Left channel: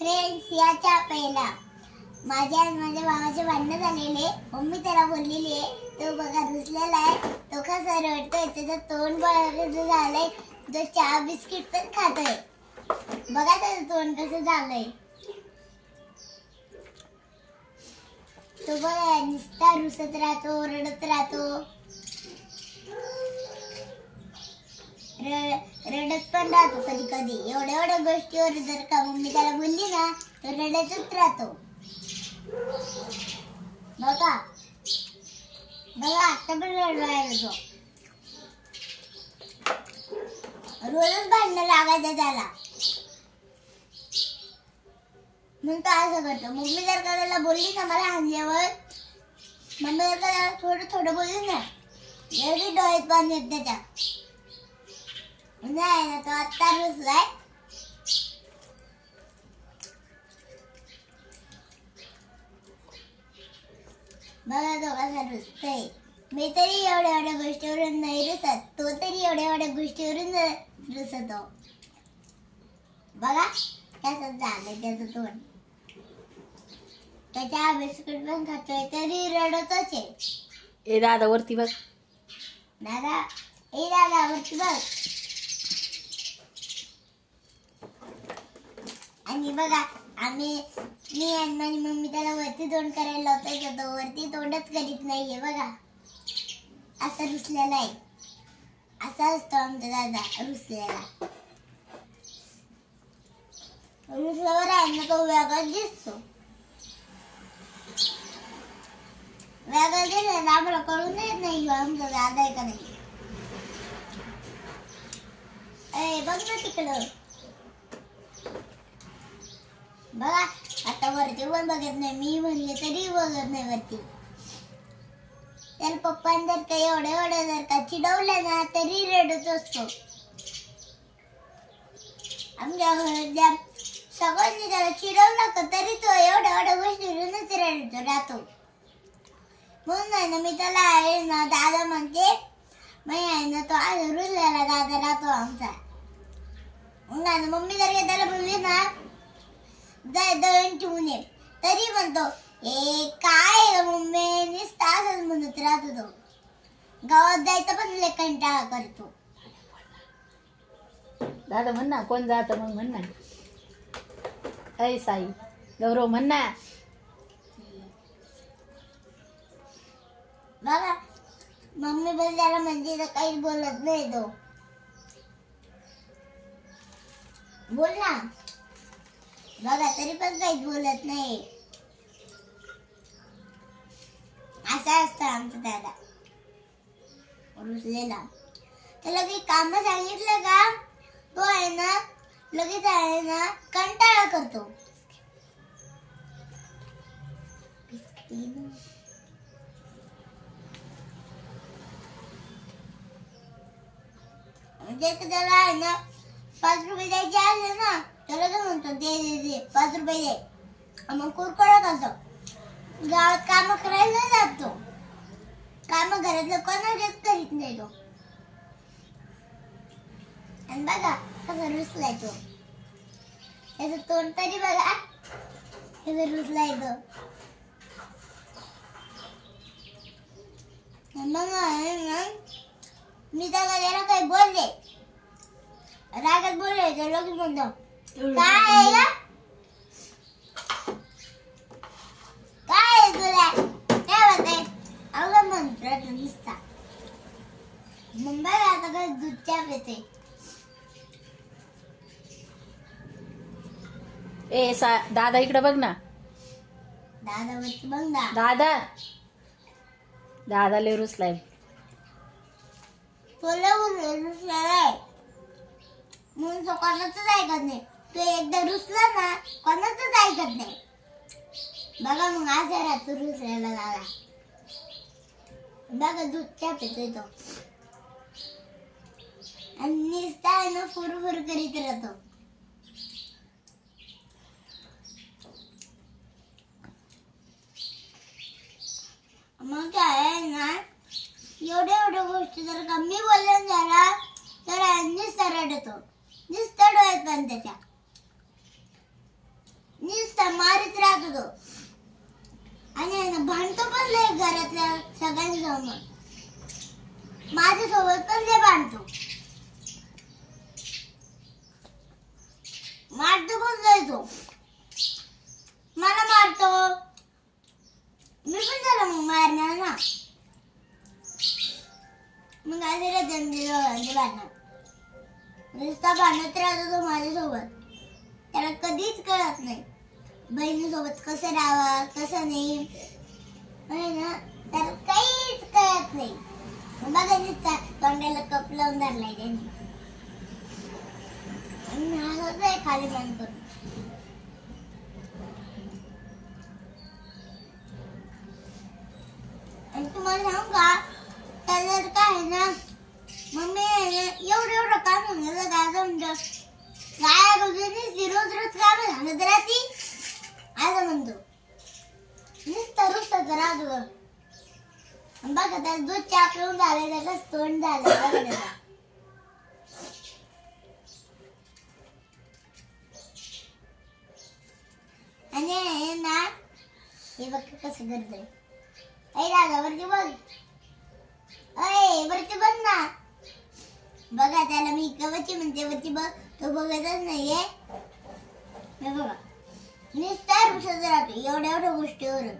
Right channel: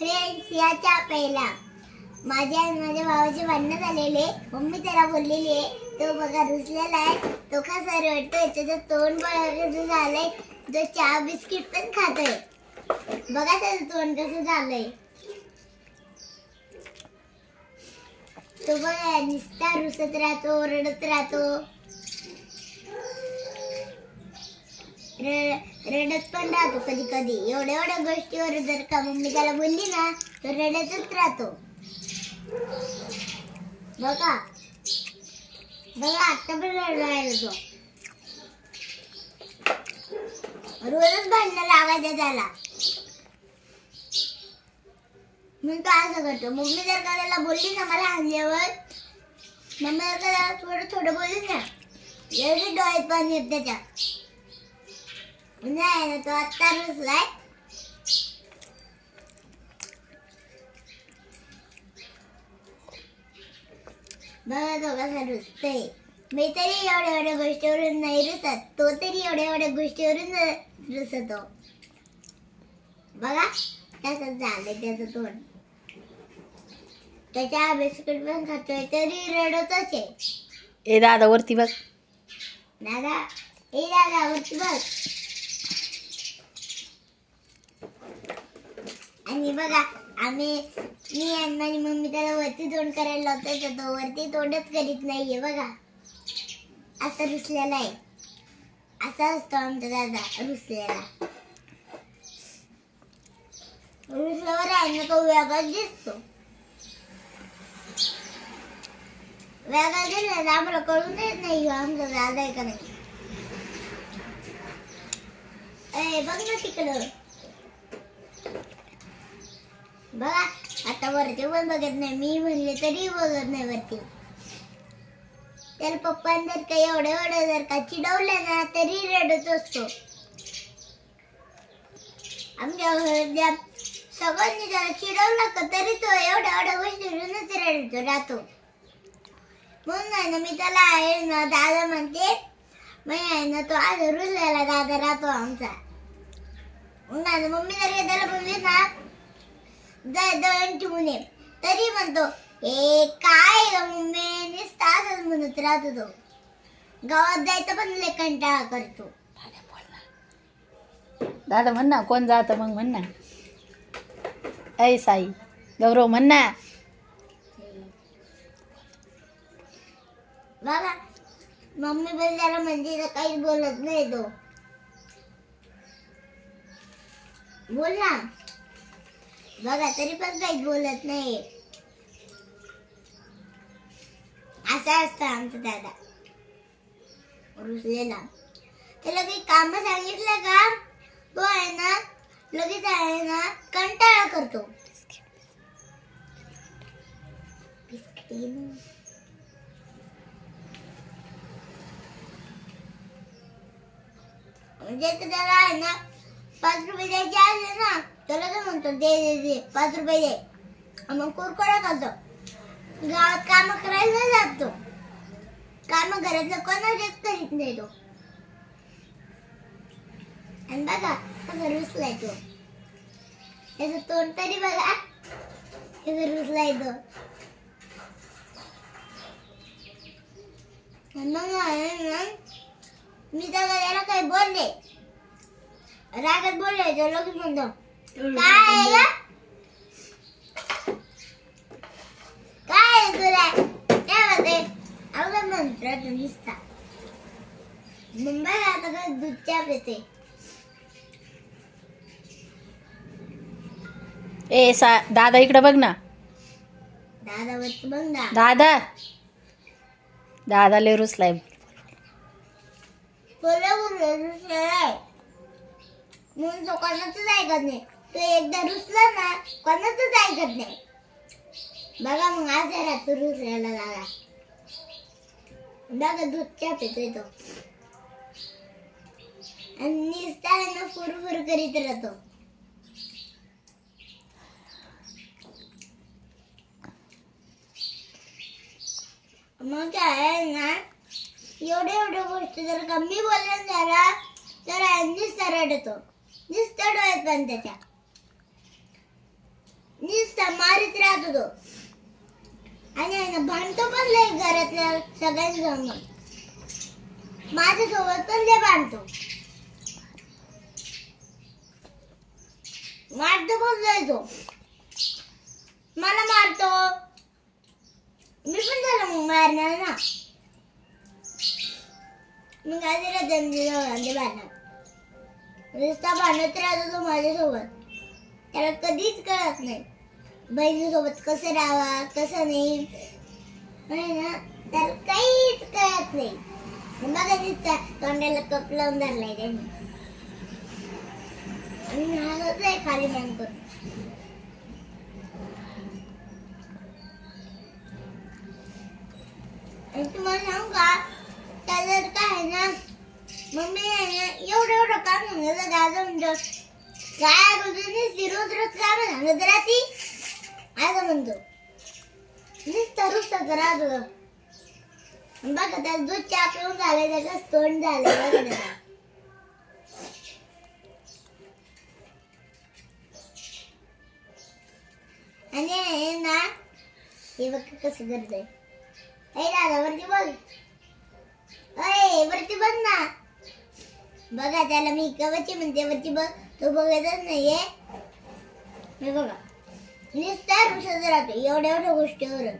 Friends, याच्या पहिला माझ्या आणि माझ्या भावाचे भांडण झालेले. मम्मी त्याला बोललेली आहे, तो बघा रुसलेला आहे, तो कसा रडतोय, त्याचं तोंड बघा कसं झालंय, तो चहा बिस्किट पण खातोय. बघा त्याचं तोंड कसं झालंय. तो बघा नुसता रुसत राहतो, रडत राहतो, रडत पण राहतो कधी कधी. एवढ्या गोष्टीवर जर का मम्मी त्याला बोलली ना तर रडतच राहतो. बघा बघा आता पण रडायला तो. रोजच भांडणं लागायचं त्याला, म्हणून तो असं करतो. मम्मी जर का त्याला बोलली ना मला हाणल्यावर, मम्मी जर का त्याला थोडं बोलली ना एवढी डोळ्यात पाणी येत त्याच्या. नाही ना तो आता रुसलाय. बघा तो कसा रुसतोय. मी तरी एवढ्या गोष्टीवरून नाही रुसत, तो तरी एवढ्या गोष्टीवरून रुसतो. बघा कसं झालं त्याचं तोंड. त्याच्या बिस्किट पण खातोय तरी रडतच आहे. ए दादा वरती बघ. दादा वरती बघ. आणि बघा मी आणि माझी मम्मी त्याला वरती तोंड करायला लावतोय, तर तो वरती तोंडच करीत नाहीये. बघा असं रुसलेला आहे. असा असतो आमचा दादा रुसलेला. रुसल्यावर आहे ना तो वेगळाच दिसतो. वेगळा दिसला आम्हाला कळून येत नाही आमचा दादा आहे का नाही. बघ ना तिकडं. बघा आता वरती पण बघत नाही, मी म्हणले तरी बघत नाही वरती. त्याला पप्पाने जर का एवढं जर का चिडवलं ना तरी रडत असतो. आमच्या घरात सगळ्यांनी त्याला चिडवलं का तरी तो एवढ्या गोष्टीवरूनच रडतो राहतो. म्हणून आहे ना मी त्याला आहे ना दादा म्हणते. मग आहे ना तो आज रुसलेला दादा राहतो आमचा. मम्मी जर का त्याला बोलली ना दळण ठेवून ये तरी म्हणतो हे काय मम्मी नुसता असंच म्हणत राहतो. तो गावात जायचं पण लय कंटाळा करतो. दादा म्हण ना, कोण जात मग म्हण ना. ऐ साई गौरव म्हण ना. बघा मम्मी बोलल्याला म्हणजे काहीच बोलत नाही तो. बोल ना. बघा तरी पण काहीच बोलत नाही. असा असतो आमचा दादा रुसलेला. त्याला काही काम सांगितलं का तो आहे ना लगेच आहे ना कंटाळा करतो. म्हणजे त्याला आहे ना 5 रुपये द्यायचे असले ना तर लगेच म्हणतो दे 5 रुपये दे. मग कुरकुरा खातो. गावात काम करायला नाही जात तो. काम घरातलं कोणाच्याच करीत नाही तो. आणि बघा कसा रुसलाय तो. त्याचं तोंड तरी बघा कसं रुसलाय तो. मग मी त्याला काही बोलले, रागात बोलले तर लगेच म्हणतो काय तुला काय होते अवघड म्हणतो नुसता. मुंबईला आता काय दूध चहा पिते. ए दादा इकडे बघ ना. दादा वरती बघ ना. दादा लय रुसलाय. रुसलाय म्हणून तो कोणाचंच ऐकत नाही. तो एकदा रुसला ना कोणाचंच ऐकत नाही. बघा मग आज राहतो रुसल्याला दादा. बघा दूध चहा पितोय तो. आणि नुसता आहे ना फुरफुर करीत राहतो. मग काय आहे ना एवढ्या गोष्टी जर कमी बोलून झाला तर नुसता रडतो. नुसतं डोळ्यात पण त्याच्या. नुसता मारित राहतो तो. आणि आहे ना भांडतो पण लय घरातल्या सगळ्यांसमोर. माझ्यासोबत पण लय भांडतो. मारतो पण लय तो. मला मारतो. मी पण त्याला मग मारणार ना. मग काय त्याला दंडी भांडणार. नुसता भांडत राहतो तो माझ्यासोबत. त्याला कधीच कळत नाही बहिणीसोबत कसं राहावा कसं नाही. ना त्याला काहीच कळत नाही. बघा नुसता तोंडाला कप लावून धरलाय त्यांनी. आणि हसत आहे खाली मान करून. आणि तुम्हाला सांगू का त्याला काय आहे ना मम्मी आहे ना एवढं काम सांगितलं दादा म्हणजे काय रोज काम सांगत राहती असं म्हणतो. नुसतं राहतो. बघा त्याला दूध चहा पिऊन झालंय त्याचं तोंड झालंय बघा त्याला. आणि आहे ना हे बघ कसं करतोय. ऐ दादा वरती बघ. अय वरती बघ ना. बघा त्याला मी कवची म्हणते वरती बघ. तो बघतच नाहीये. बघा नुसता रुसत राहतो एवढ्या गोष्टीवरून.